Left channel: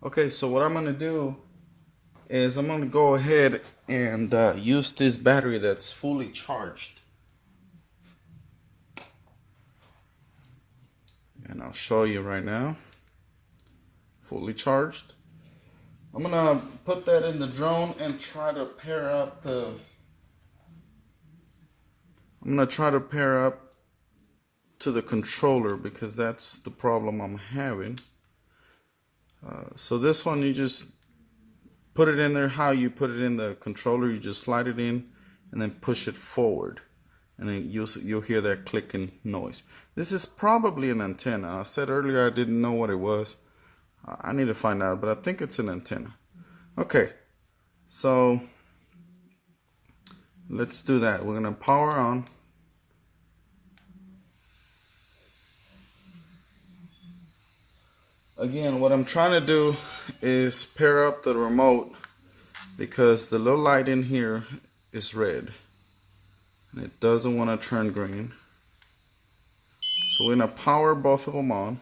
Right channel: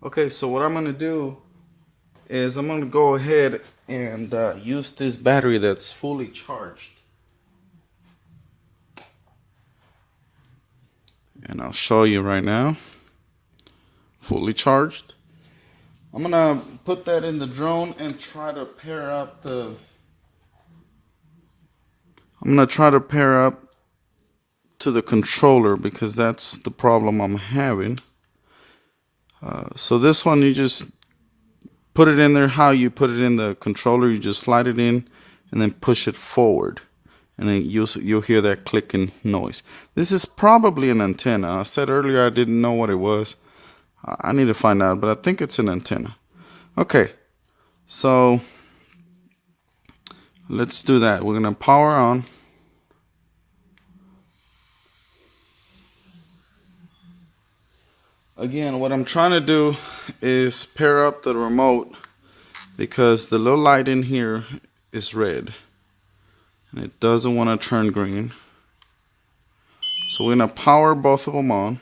Okay, so what I'm gonna do is I'm gonna go ahead and use this battery that's fully charged. And I'll show you right now. Fully charged. I'm gonna put that in the drone and try to pair up the to the controller because that's the problem I'm having. So this one, you just put it in there how you put it in the controller. You just slide it in and then push it forward. And then you'll hear that clicking noise. This is probably an antenna. I said earlier I didn't know what it was. I need to find out, but I think it's an antenna. Okay, so let's do that. We're gonna power on. Again, what I'm trying to do is pair up the remote because the little light in here is red and it doesn't want to turn green. So we're going to power both of them on.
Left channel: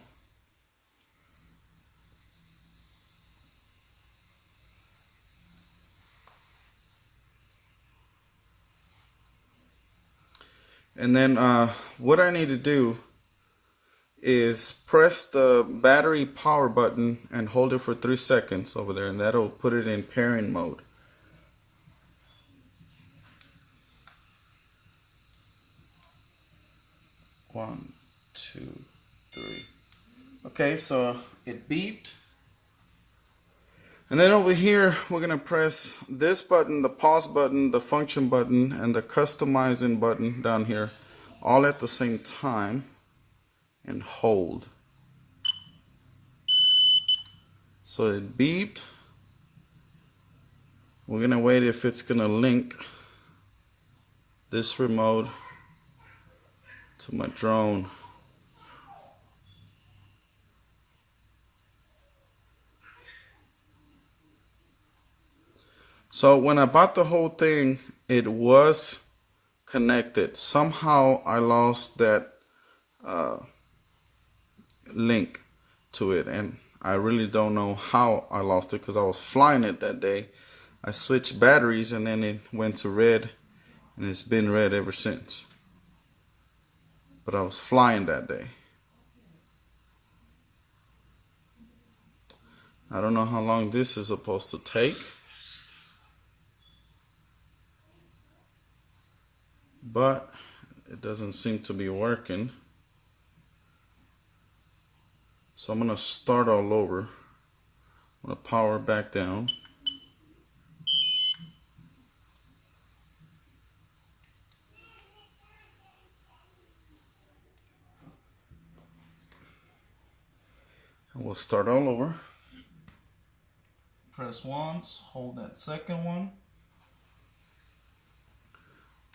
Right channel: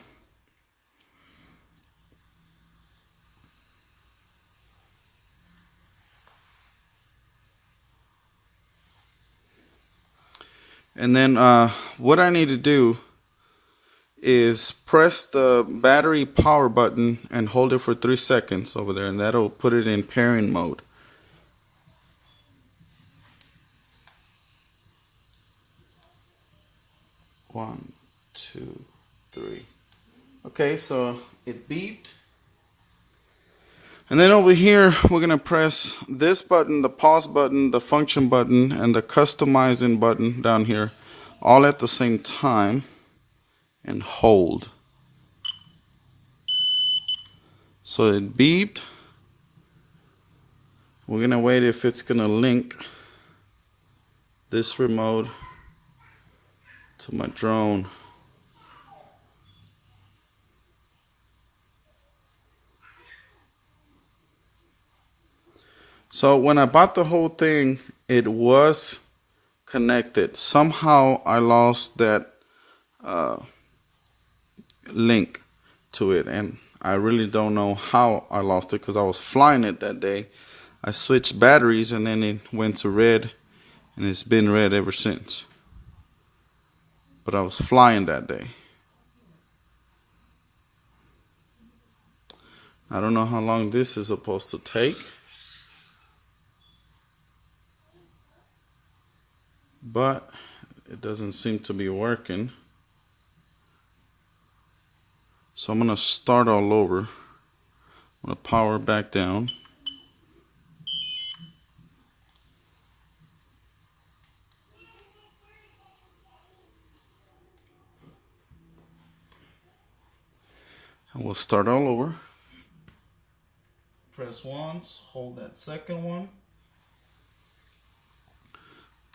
And then what I need to do is press the battery power button and hold it for 3 seconds over there, and that'll put it in pairing mode. One, two, three. Okay, so it beeped. And then over here, we're going to press this button, the pause button, the function button, and the customizing button down here, all at the same time, and hold. So it beeped. We're going to wait if it's going to link this remote to my drone. So when I bought the whole thing, it was connected. Somehow I lost that link to it, and I really don't know how I lost it because I was flying it that day. I switched batteries and then it went to red, and it's been red ever since. But I was flying that day. I don't know how long this is supposed to take, but it doesn't seem to be working. So I'm going to start all over. I'm going to power back down. And we'll start all over. Press once, hold that second one.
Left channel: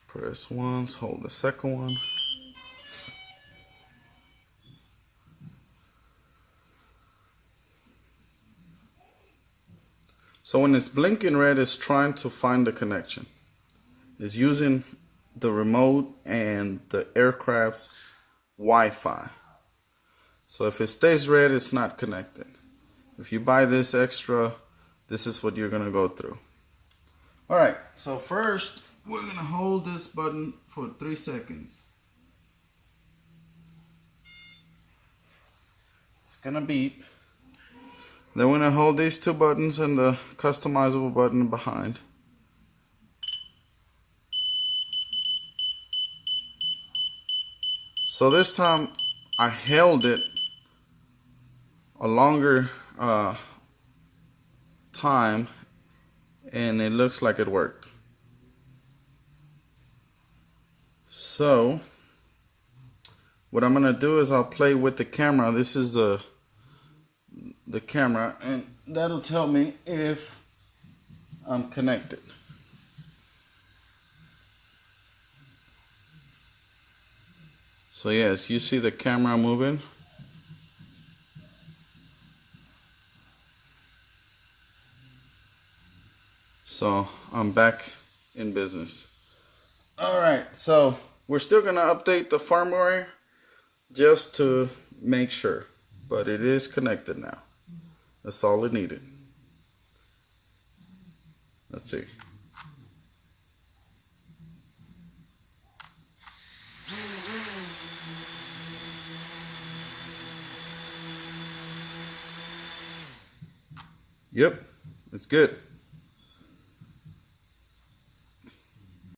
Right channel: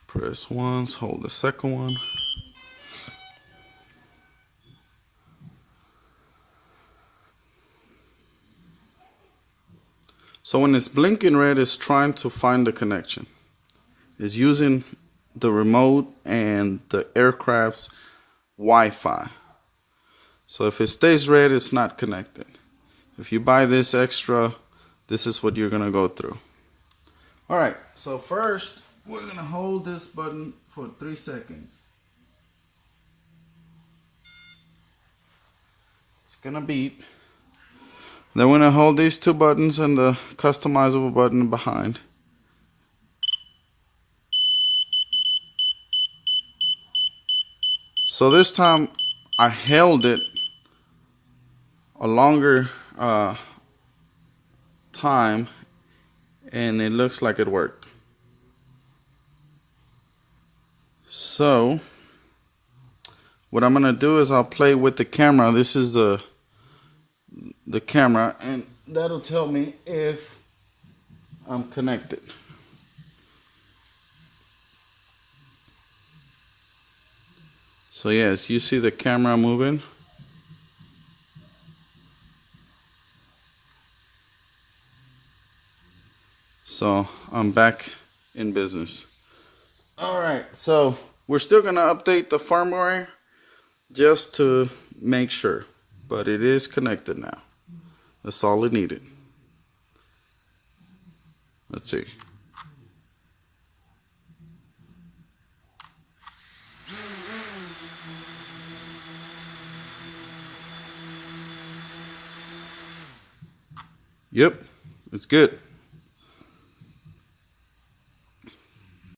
Press once, hold the second one. So when it's blinking red, it's trying to find the connection. It's using the remote and the aircraft's Wi-Fi. So if it stays red, it's not connected. If you buy this extra, this is what you're gonna go through. All right, so first, we're gonna hold this button for 3 seconds. It's gonna beep. Then we're gonna hold these 2 buttons and the customizable button behind. So this time I held it a longer time and it looks like it worked. So what I'm gonna do is I'll play with the camera. This is the camera, and that'll tell me if I'm connected. So yes, you see the camera moving. So I'm back in business. All right, so we're still gonna update the firmware just to make sure, but it is connected now. That's all it needed. Let's see. Yep, it's good.